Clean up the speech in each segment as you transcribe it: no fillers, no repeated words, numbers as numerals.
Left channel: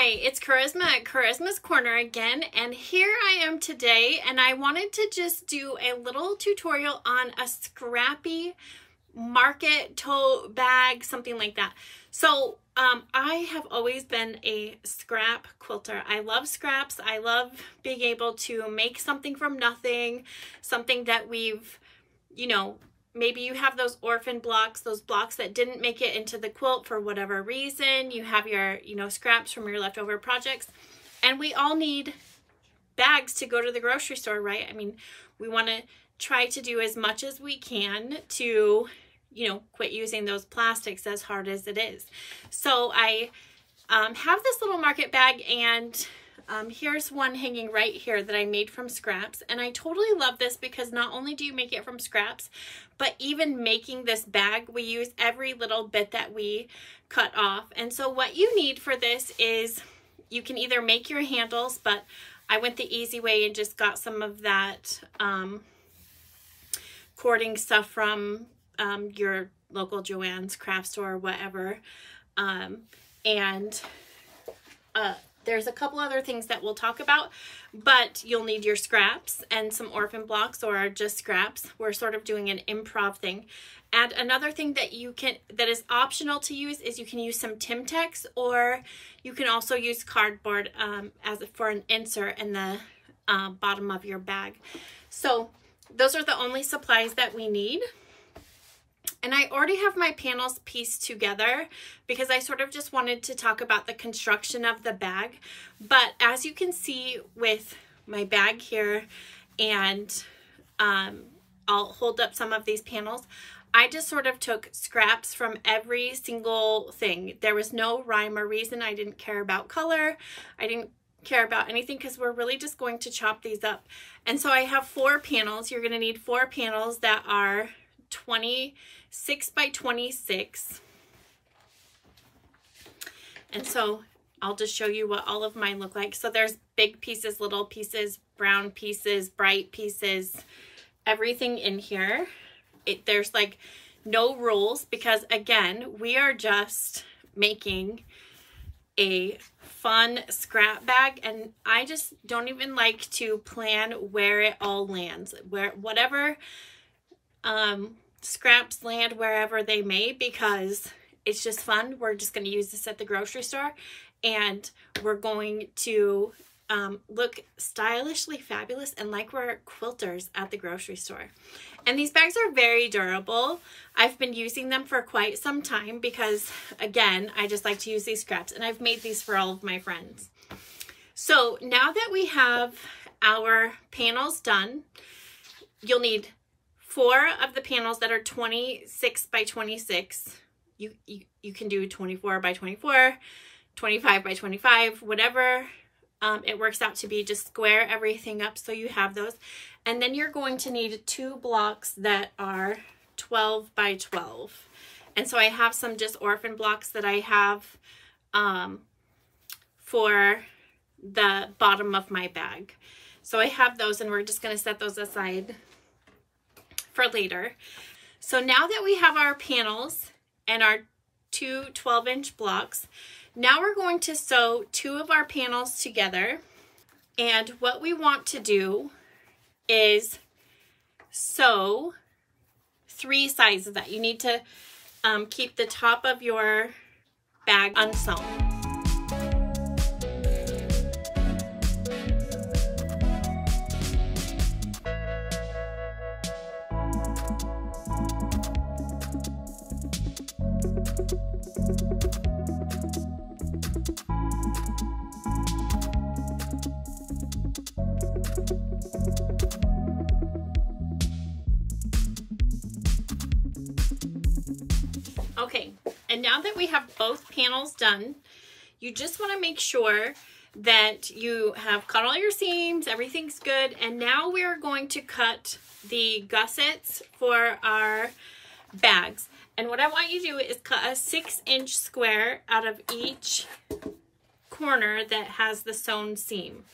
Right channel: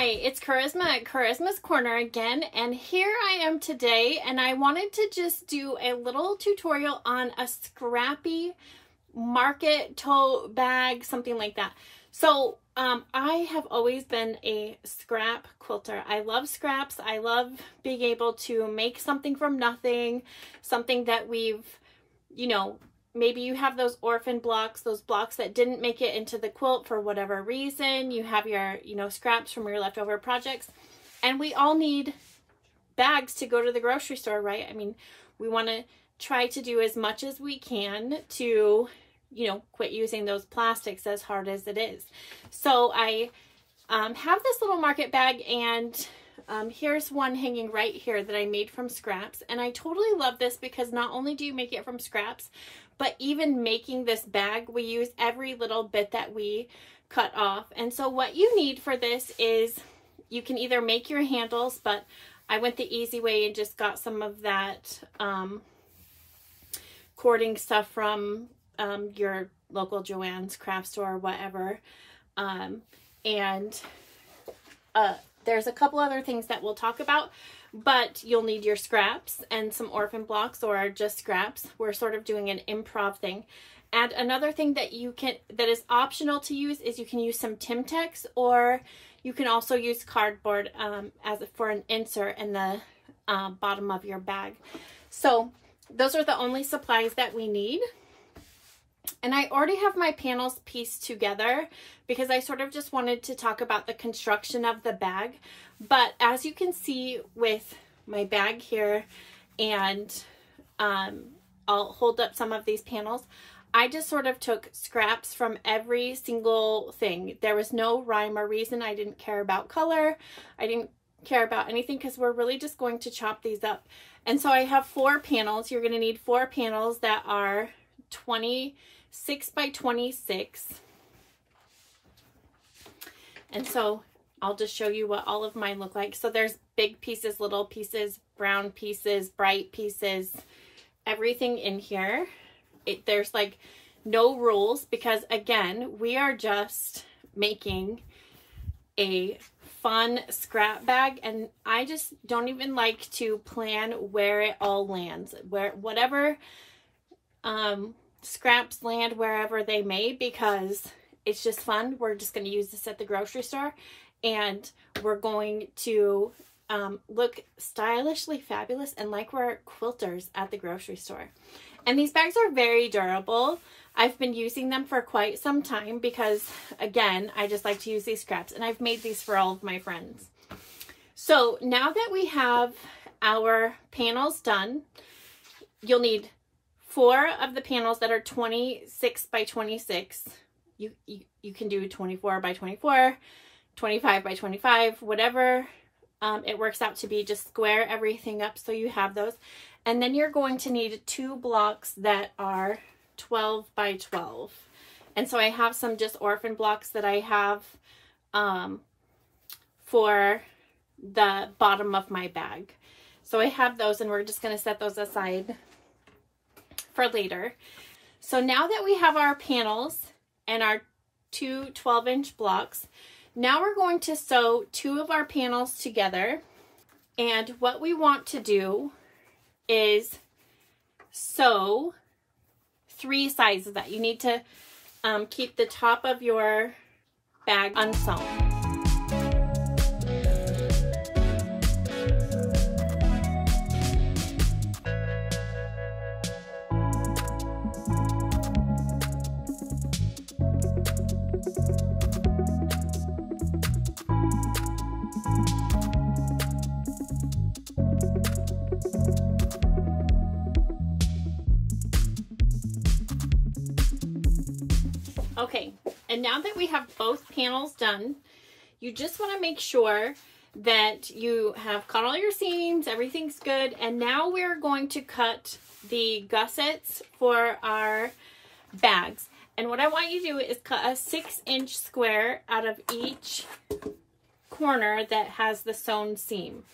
Hi, it's Charisma at Charisma's Corner again, and here I am today, and I wanted to just do a little tutorial on a Scrappy market tote bag, something like that. So I have always been a scrap quilter. I love scraps. I love being able to make something from nothing, something that we've, maybe you have those orphan blocks, those blocks that didn't make it into the quilt for whatever reason. You have your, scraps from your leftover projects. And we all need bags to go to the grocery store, right? I mean, we want to try to do as much as we can to, quit using those plastics, as hard as it is. So I have this little market bag, and here's one hanging right here that I made from scraps. And I totally love this because not only do you make it from scraps, but even making this bag, we use every little bit that we cut off. And so what you need for this is you can either make your handles, but I went the easy way and just got some of that cording stuff from your local Joann's craft store or whatever. There's a couple other things that we'll talk about, but you'll need your scraps and some orphan blocks or just scraps. We're sort of doing an improv thing. And another thing that that is optional to use is you can use some Timtex, or you can also use cardboard for an insert in the bottom of your bag. So those are the only supplies that we need. And I already have my panels pieced together because I sort of just wanted to talk about the construction of the bag. But as you can see with my bag here, and I'll hold up some of these panels, I just sort of took scraps from every single thing. There was no rhyme or reason. I didn't care about color. I didn't care about anything because we're really just going to chop these up. And so I have 4 panels. You're going to need 4 panels that are 26 by 26. And so I'll just show you what all of mine look like. So there's big pieces, little pieces, brown pieces, bright pieces, everything in here. There's like no rules because, again, we are just making a fun scrap bag, and I just don't even like to plan where it all lands, whatever scraps land wherever they may, because it's just fun. We're just going to use this at the grocery store, and we're going to look stylishly fabulous and like we're quilters at the grocery store. And these bags are very durable. I've been using them for quite some time because, again, I just like to use these scraps, and I've made these for all of my friends. So now that we have our panels done, you'll need 4 of the panels that are 26 by 26. You can do 24 by 24, 25 by 25, whatever it works out to be. Just square everything up so you have those. And then you're going to need 2 blocks that are 12 by 12. And so I have some just orphan blocks that I have for the bottom of my bag. So I have those, and we're just going to set those aside for later. So now that we have our panels and our 2 12-inch blocks, now we're going to sew 2 of our panels together. And what we want to do is sew 3 sides of that. You need to keep the top of your bag unsewn. Okay, and now that we have both panels done, you just want to make sure that you have cut all your seams, everything's good, and now we're going to cut the gussets for our bags. And what I want you to do is cut a 6-inch square out of each corner that has the sewn seam.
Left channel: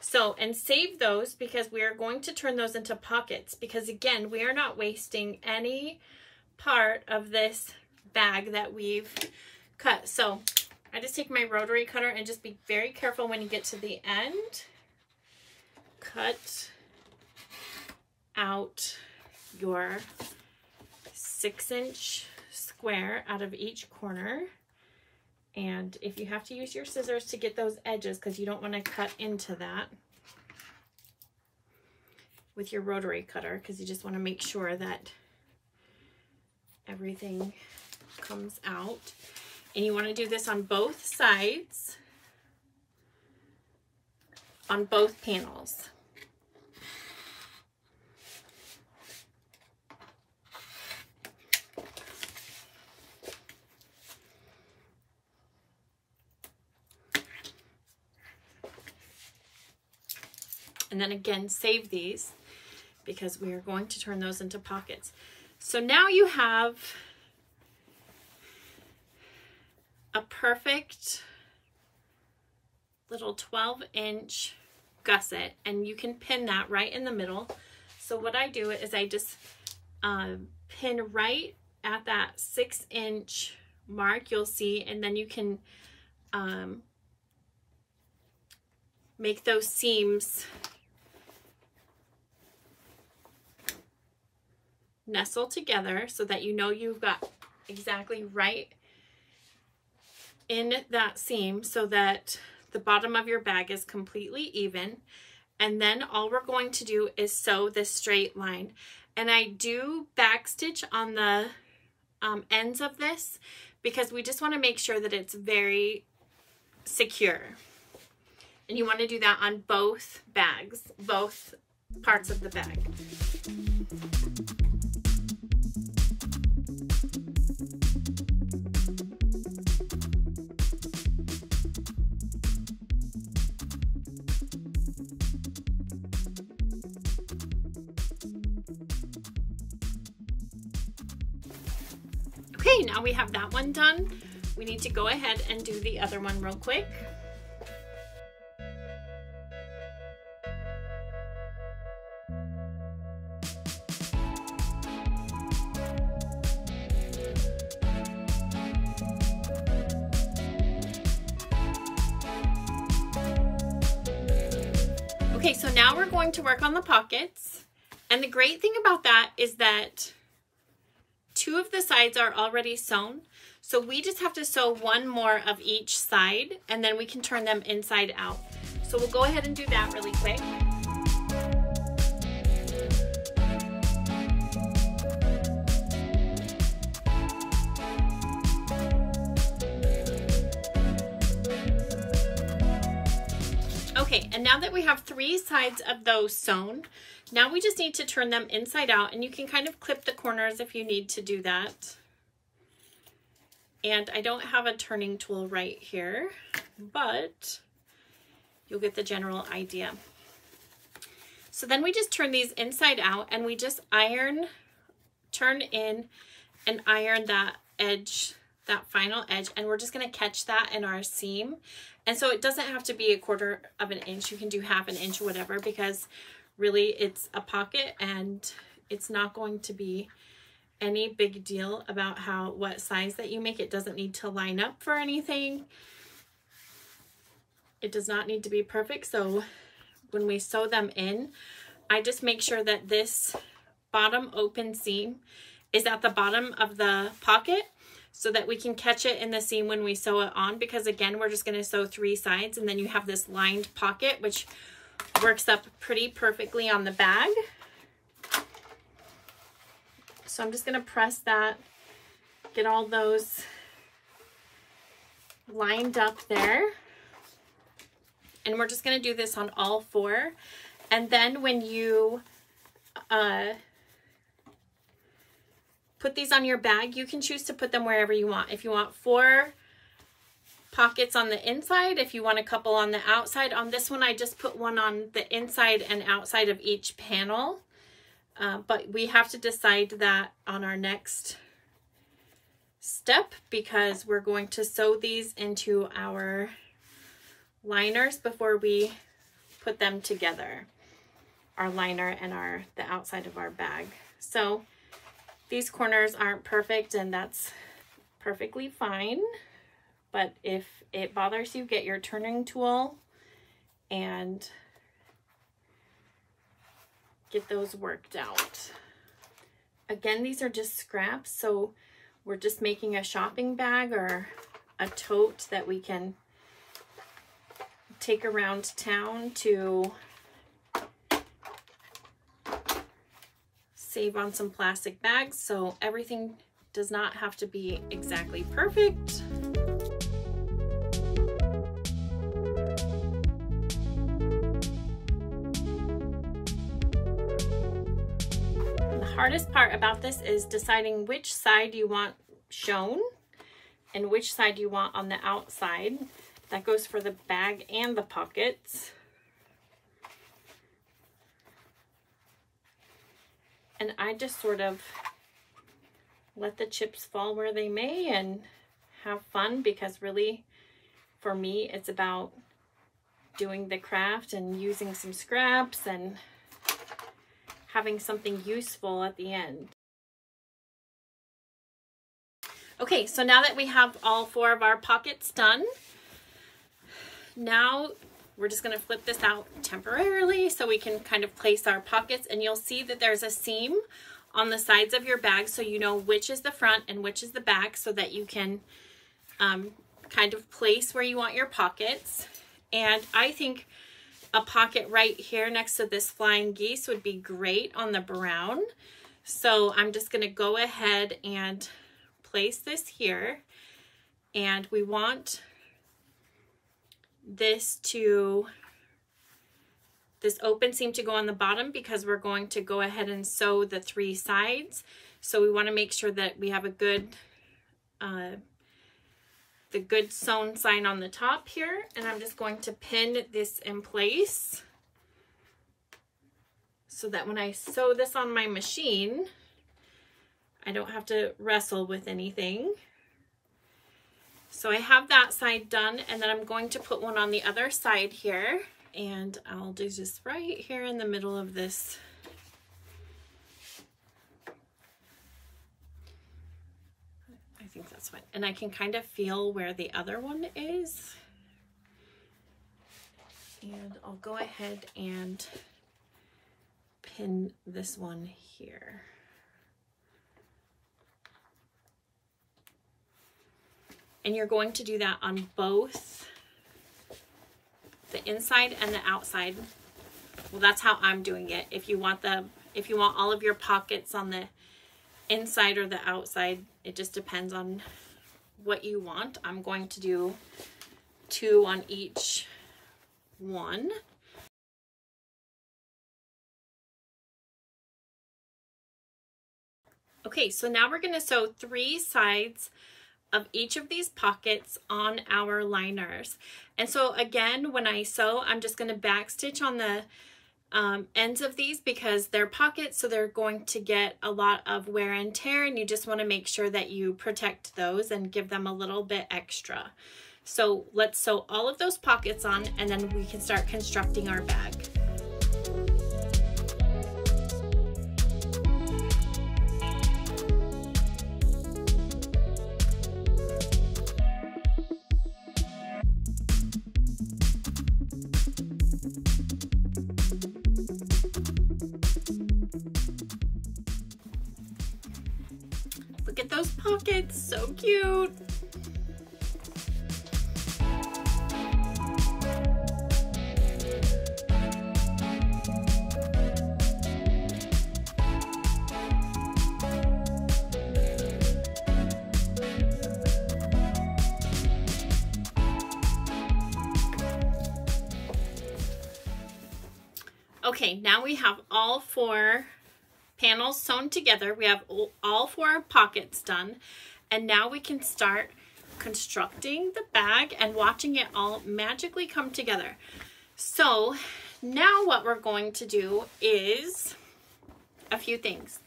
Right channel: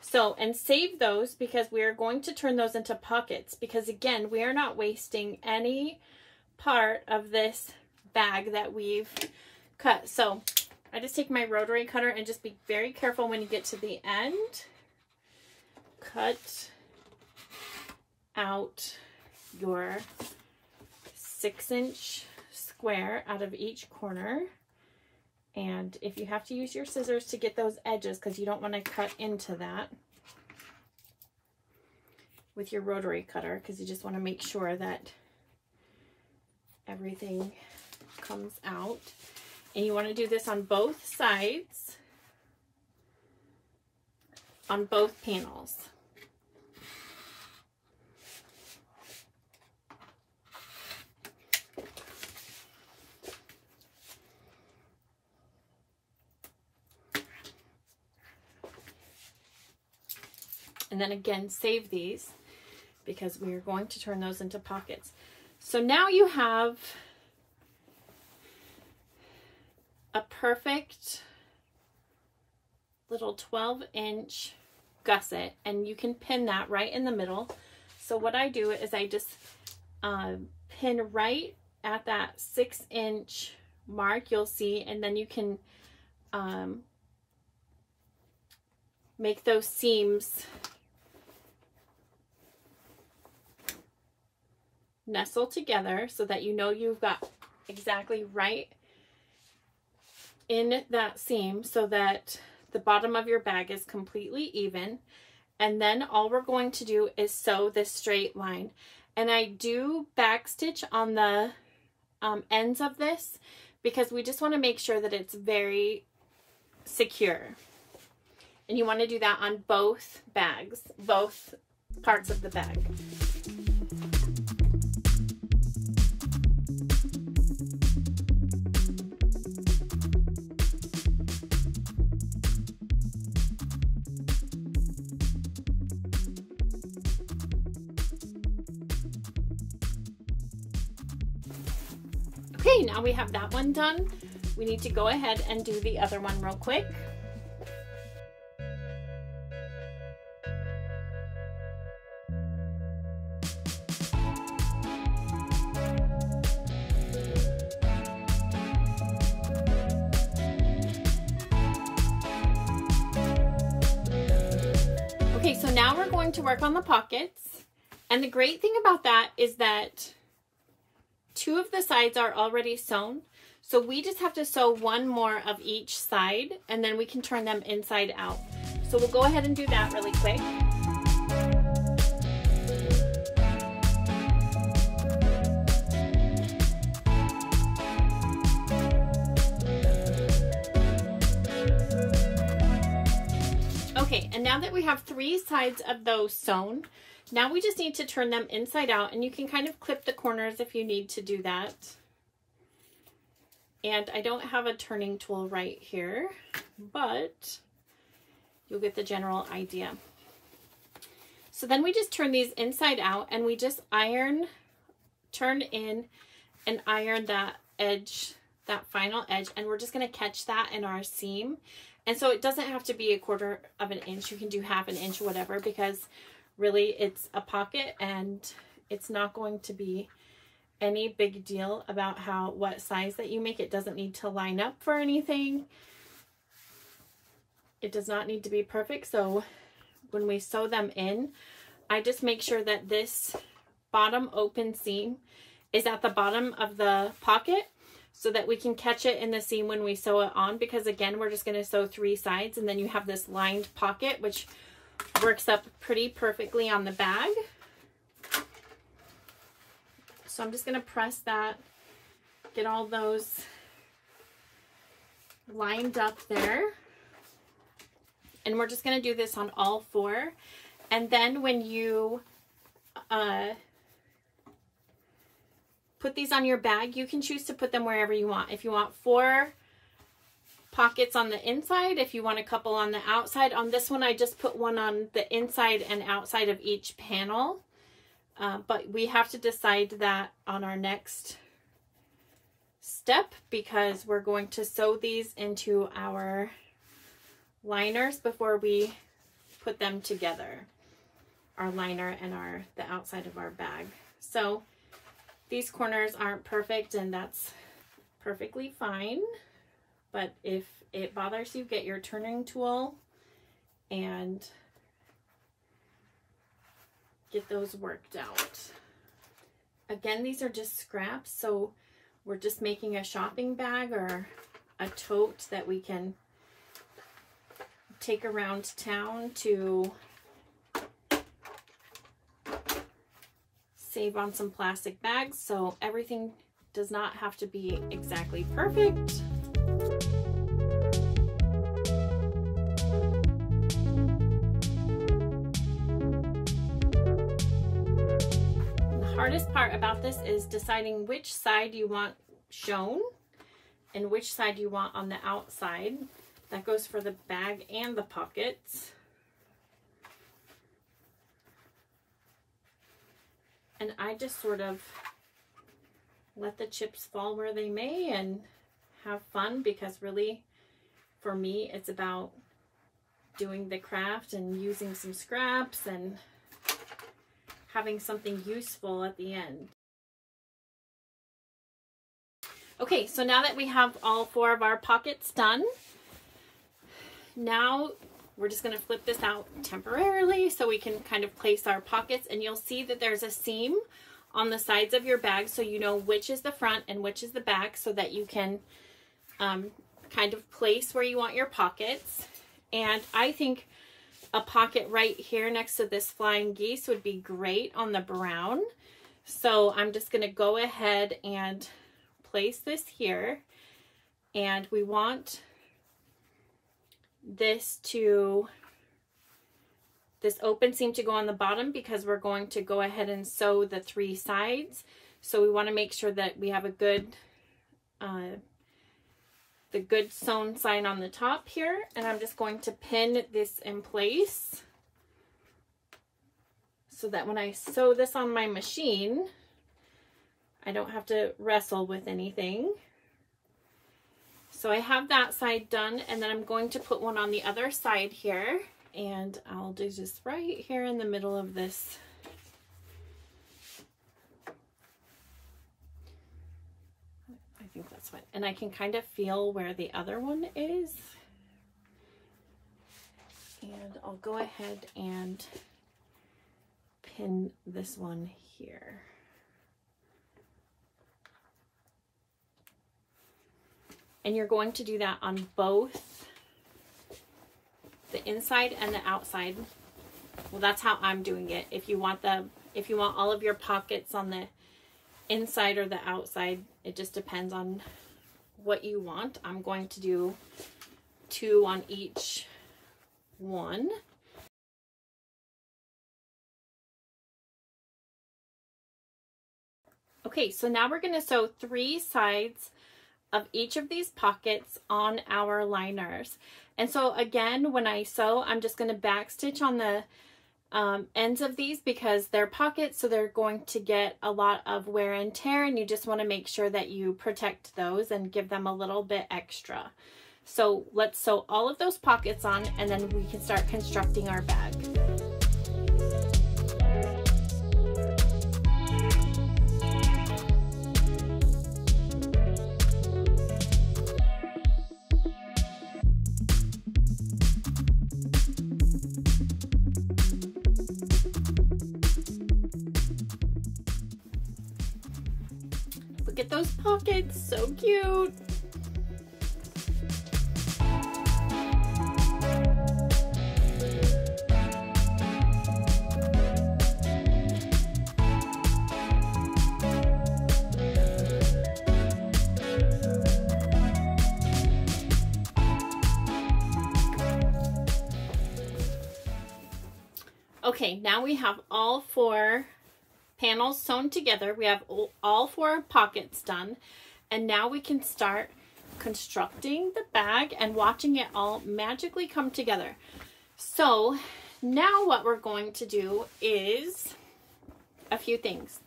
So, and save those because we are going to turn those into pockets, because again, we are not wasting any part of this bag that we've cut. So I just take my rotary cutter and just be very careful when you get to the end. Cut out your 6-inch square out of each corner. And if you have to use your scissors to get those edges, because you don't want to cut into that with your rotary cutter, because you just want to make sure that everything comes out. And you want to do this on both sides, on both panels. And then again, save these because we are going to turn those into pockets. So now you have a perfect little 12-inch gusset, and you can pin that right in the middle. So what I do is I just pin right at that 6-inch mark, you'll see, and then you can make those seams nestle together so that you know you've got exactly right in that seam, so that the bottom of your bag is completely even. And then all we're going to do is sew this straight line. And I do backstitch on the ends of this because we just want to make sure that it's very secure. And you want to do that on both bags, both parts of the bag. Okay, now we have that one done. We need to go ahead and do the other one real quick. Okay, so now we're going to work on the pockets. And the great thing about that is that 2 of the sides are already sewn. So we just have to sew 1 more of each side, and then we can turn them inside out. So we'll go ahead and do that really quick. Okay, and now that we have 3 sides of those sewn, now we just need to turn them inside out, and you can kind of clip the corners if you need to do that. And I don't have a turning tool right here, but you'll get the general idea. So then we just turn these inside out, and we just turn in and iron that edge, that final edge, and we're just gonna catch that in our seam. And so it doesn't have to be 1/4 of an inch. You can do 1/2 inch, whatever, because really it's a pocket and it's not going to be any big deal about what size that you make. It doesn't need to line up for anything. It does not need to be perfect. So when we sew them in, I just make sure that this bottom open seam is at the bottom of the pocket so that we can catch it in the seam when we sew it on, because again, we're just going to sew 3 sides, and then you have this lined pocket, which works up pretty perfectly on the bag. So I'm just going to press that, get all those lined up there. And we're just going to do this on all 4. And then when you put these on your bag, you can choose to put them wherever you want. If you want 4 pockets on the inside, if you want a couple on the outside. On this one, I just put 1 on the inside and outside of each panel. But we have to decide that on our next step, because we're going to sew these into our liners before we put them together, our liner and the outside of our bag. So these corners aren't perfect, and that's perfectly fine, but if it bothers you, get your turning tool and get those worked out. Again, these are just scraps, so we're just making a shopping bag or a tote that we can take around town to save on some plastic bags, so everything does not have to be exactly perfect. The hardest part about this is deciding which side you want shown and which side you want on the outside. That goes for the bag and the pockets. And I just sort of let the chips fall where they may and have fun, because really for me it's about doing the craft and using some scraps and having something useful at the end. Okay, so now that we have all 4 of our pockets done, now we're just going to flip this out temporarily so we can kind of place our pockets, and you'll see that there's a seam on the sides of your bag, so you know which is the front and which is the back, so that you can kind of place where you want your pockets. And I think a pocket right here next to this flying geese would be great on the brown. So I'm just going to go ahead and place this here, and we want this open seam to go on the bottom, because we're going to go ahead and sew the 3 sides. So we want to make sure that we have a good the good sewn side on the top here, and I'm just going to pin this in place so that when I sew this on my machine, I don't have to wrestle with anything. So I have that side done, and then I'm going to put one on the other side here, and I'll do just right here in the middle of this. I think that's fine. And I can kind of feel where the other one is. And I'll go ahead and pin this one here. And you're going to do that on both the inside and the outside. Well, that's how I'm doing it. If you want all of your pockets on the inside or the outside, it just depends on what you want. I'm going to do 2 on each one. Okay, so now we're going to sew 3 sides of each of these pockets on our liners. And so again, when I sew, I'm just going to backstitch on the ends of these, because they're pockets, so they're going to get a lot of wear and tear, and you just want to make sure that you protect those and give them a little bit extra. So let's sew all of those pockets on, and then we can start constructing our bag. Look at those pockets, so cute. Okay, now we have all 4 panels sewn together. We have all 4 pockets done, and now we can start constructing the bag and watching it all magically come together. So now what we're going to do is a few things.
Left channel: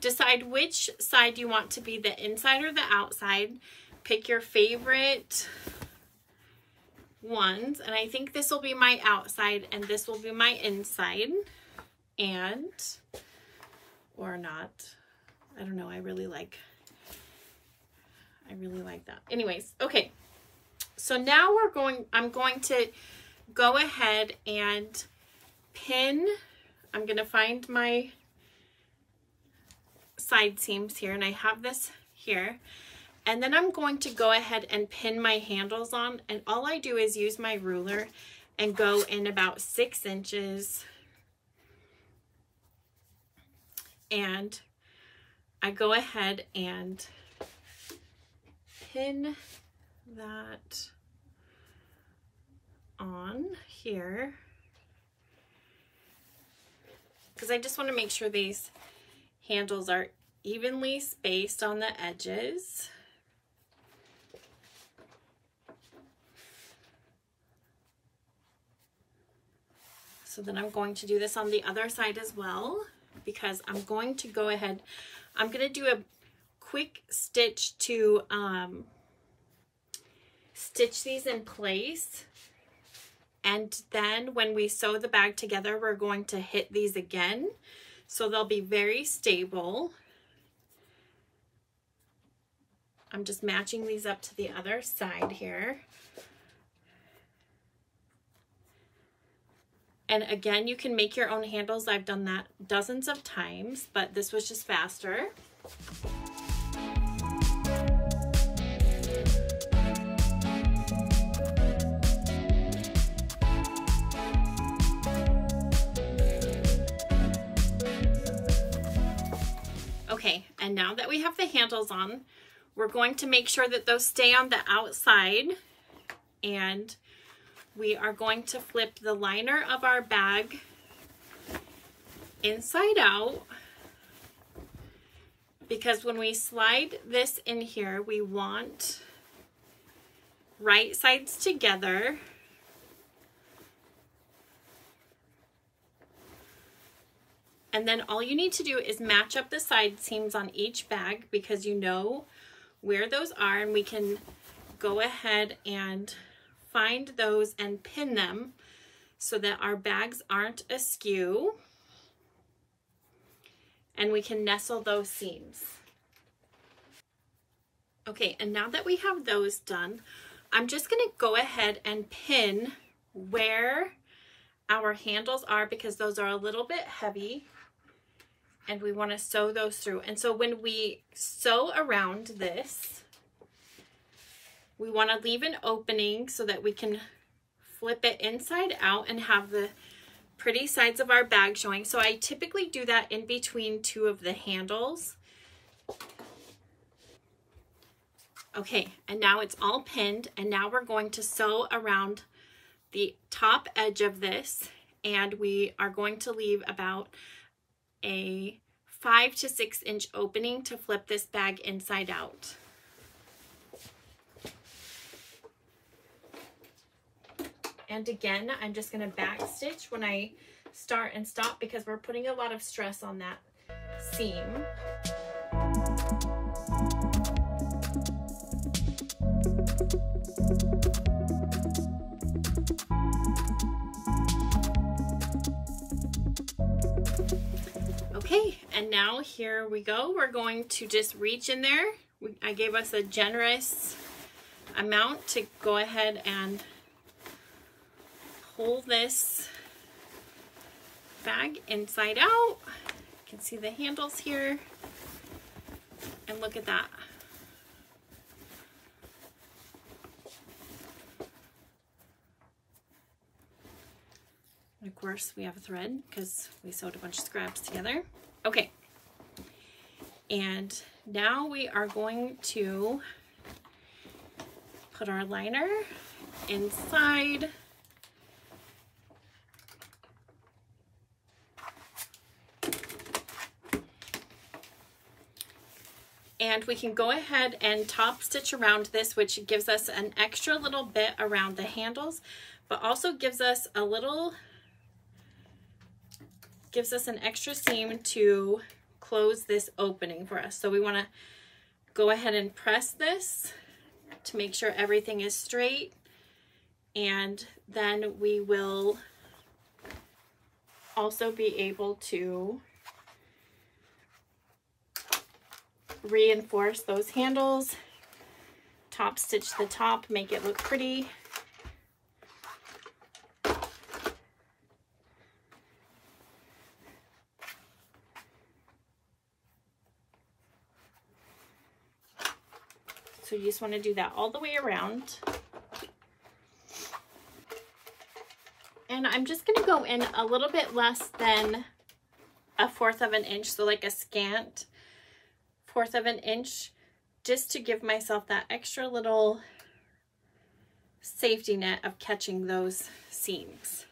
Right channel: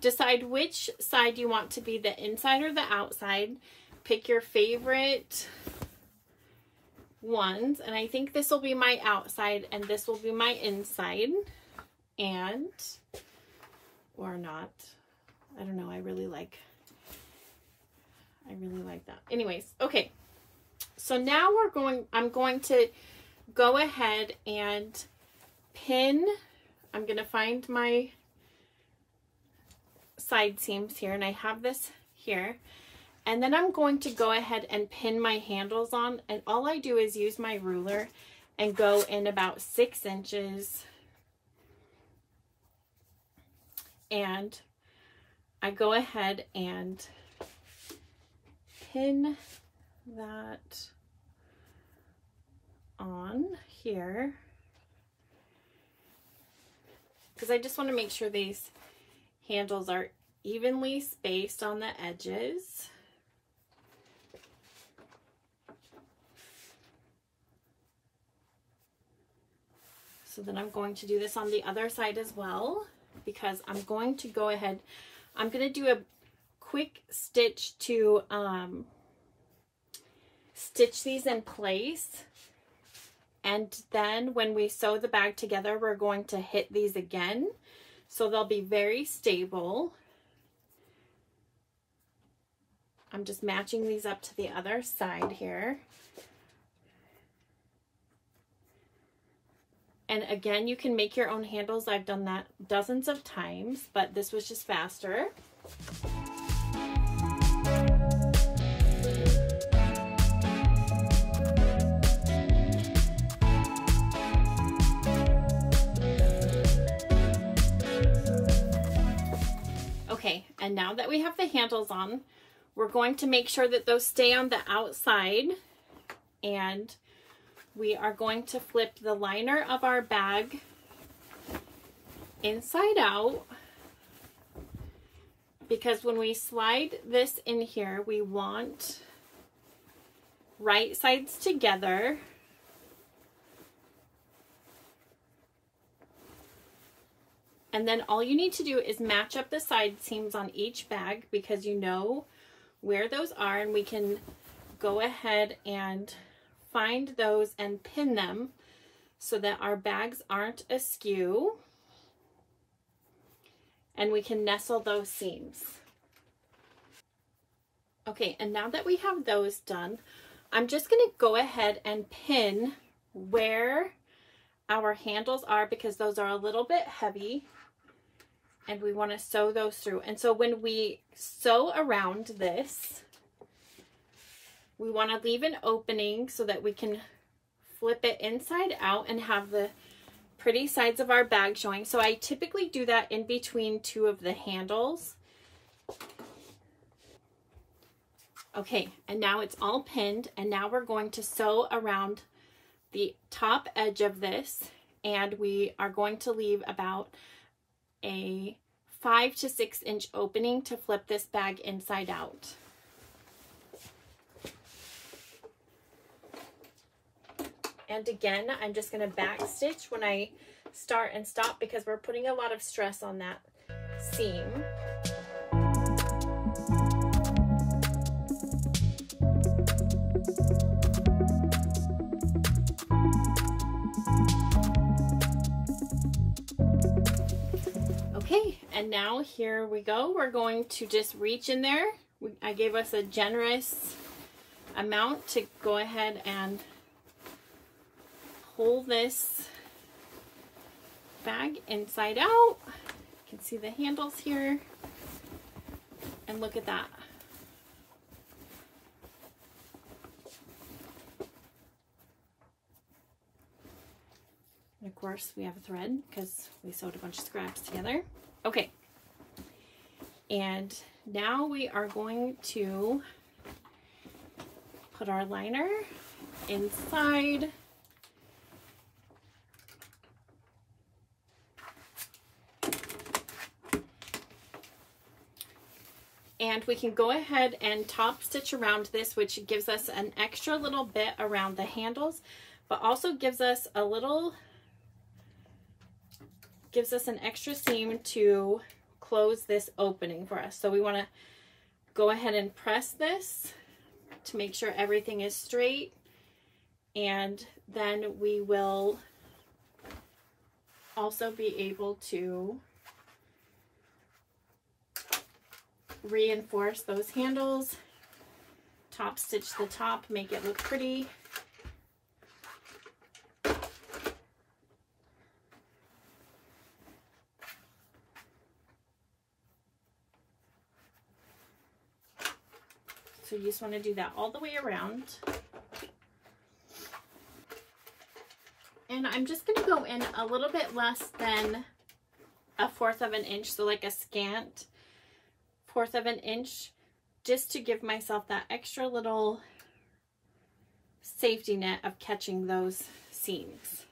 Decide which side you want to be the inside or the outside. Pick your favorite ones, and I think this will be my outside and this will be my inside, and or not. I don't know. I really like that. Anyways, okay. So now I'm going to go ahead and pin. I'm going to find my side seams here, and I have this here. And then I'm going to go ahead and pin my handles on, and all I do is use my ruler and go in about 6 inches. And I go ahead and pin that on here, because I just want to make sure these handles are evenly spaced on the edges. So then I'm going to do this on the other side as well, because I'm going to go ahead, I'm going to do a quick stitch to stitch these in place. And then when we sew the bag together, we're going to hit these again. So they'll be very stable. I'm just matching these up to the other side here. And again, you can make your own handles. I've done that dozens of times, but this was just faster. Okay, and now that we have the handles on, we're going to make sure that those stay on the outside, and we are going to flip the liner of our bag inside out, because when we slide this in here, we want right sides together. And then all you need to do is match up the side seams on each bag, because you know where those are, and we can go ahead and find those and pin them so that our bags aren't askew, and we can nestle those seams. Okay, and now that we have those done, I'm just going to go ahead and pin where our handles are, because those are a little bit heavy and we want to sew those through. And so when we sew around this, we want to leave an opening so that we can flip it inside out and have the pretty sides of our bag showing. So I typically do that in between 2 of the handles. Okay, and now it's all pinned, and now we're going to sew around the top edge of this, and we are going to leave about a 5 to 6 inch opening to flip this bag inside out. And again, I'm just going to back stitch when I start and stop, because we're putting a lot of stress on that seam. Okay, and now here we go. We're going to just reach in there. I gave us a generous amount to go ahead and pull this bag inside out. You can see the handles here, and look at that. And of course we have a thread because we sewed a bunch of scraps together. Okay, and now we are going to put our liner inside. And we can go ahead and top stitch around this, which gives us an extra little bit around the handles, but also gives us a little, an extra seam to close this opening for us. So we want to go ahead and press this to make sure everything is straight, and then we will also be able to reinforce those handles top stitch the top, make it look pretty. So you just want to do that all the way around. And I'm just going to go in a little bit less than 1/4 of an inch, so like a scant 1/4 of an inch, just to give myself that extra little safety net of catching those seams.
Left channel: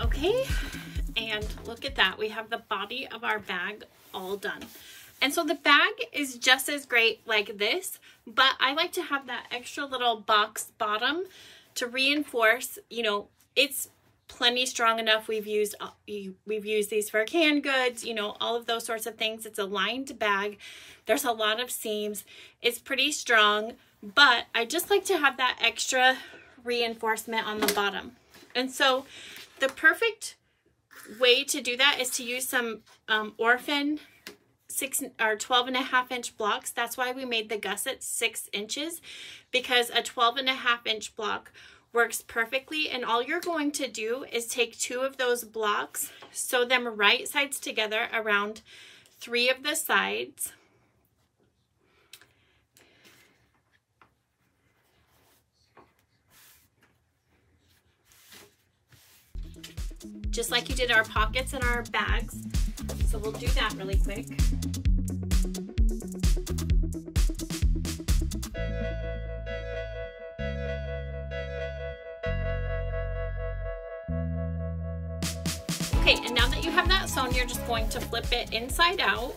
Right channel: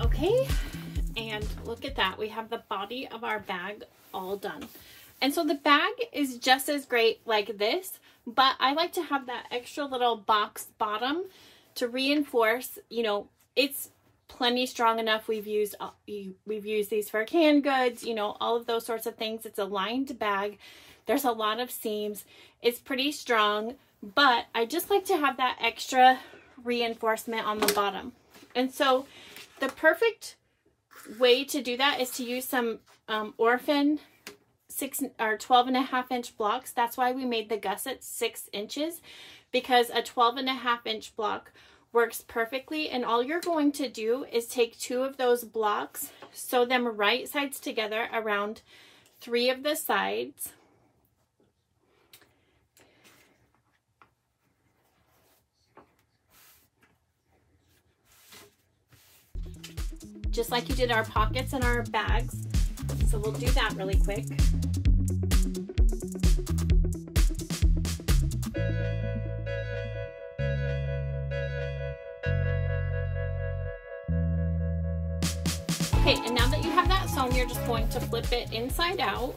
Okay, and look at that. We have the body of our bag all done. And so the bag is just as great like this, but I like to have that extra little box bottom to reinforce, you know, it's plenty strong enough. We've used these for canned goods, you know, all of those sorts of things. It's a lined bag. There's a lot of seams. It's pretty strong, but I just like to have that extra reinforcement on the bottom. And so the perfect way to do that is to use some Orphan 12.5 inch blocks. That's why we made the gusset 6 inches, because a 12.5 inch block works perfectly. And all you're going to do is take 2 of those blocks, sew them right sides together around 3 of the sides. Just like you did our pockets and our bags. So we'll do that really quick. Okay, and now that you have that sewn, you're just going to flip it inside out.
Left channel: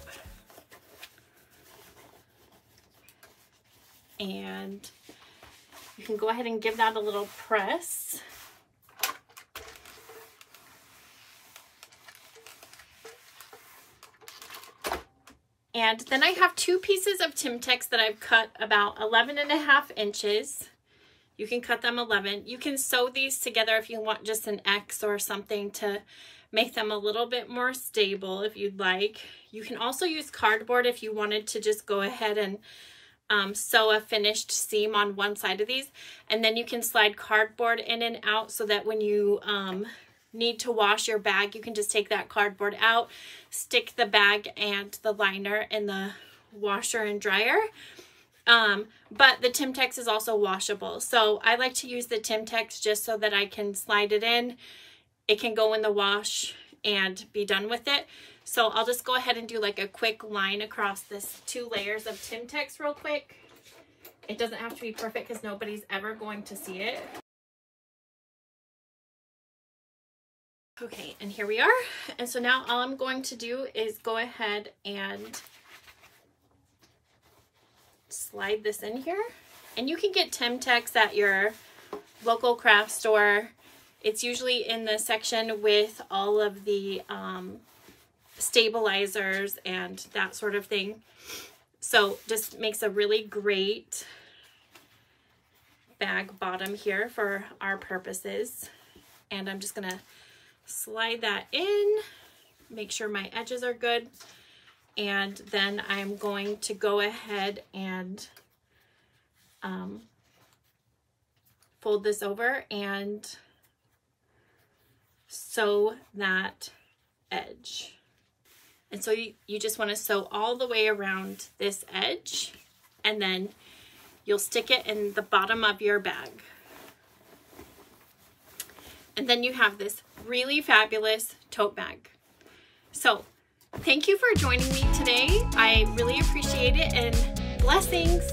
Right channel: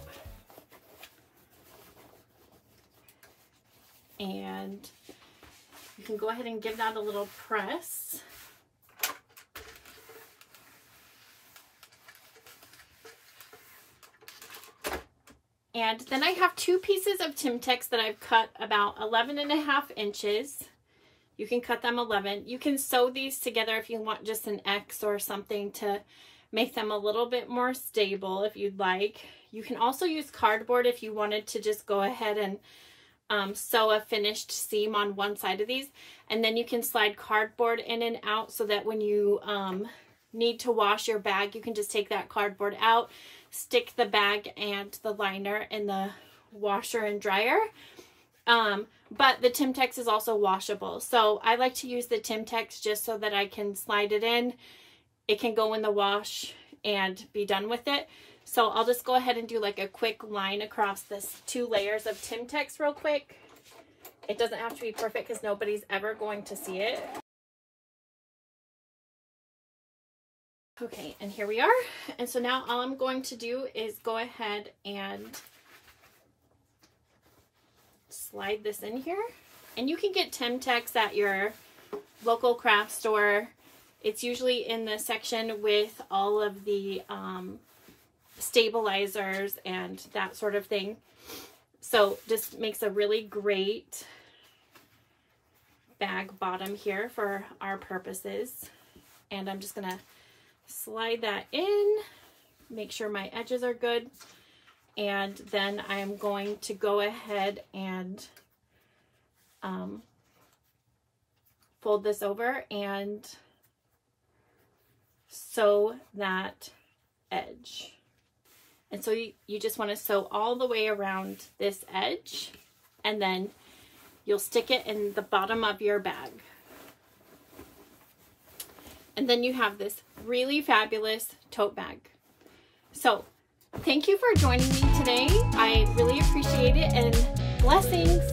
And you can go ahead and give that a little press. And then I have 2 pieces of Timtex that I've cut about 11.5 inches. You can cut them 11. You can sew these together if you want just an X or something to make them a little bit more stable if you'd like. You can also use cardboard if you wanted to just go ahead and sew a finished seam on one side of these. And then you can slide cardboard in and out so that when you need to wash your bag, you can just take that cardboard out, stick the bag and the liner in the washer and dryer. But the Timtex is also washable. So I like to use the Timtex just so that I can slide it in. It can go in the wash and be done with it. So I'll just go ahead and do like a quick line across this 2 layers of Timtex real quick. It doesn't have to be perfect because nobody's ever going to see it. Okay, and here we are. And so now all I'm going to do is go ahead and slide this in here. And you can get Timtex at your local craft store. It's usually in the section with all of the stabilizers and that sort of thing. So just makes a really great bag bottom here for our purposes. And I'm just gonna slide that in, make sure my edges are good, and then I'm going to go ahead and fold this over and sew that edge. And so you just want to sew all the way around this edge, and then you'll stick it in the bottom of your bag. And then you have this really fabulous tote bag. So thank you for joining me today. I really appreciate it, and blessings.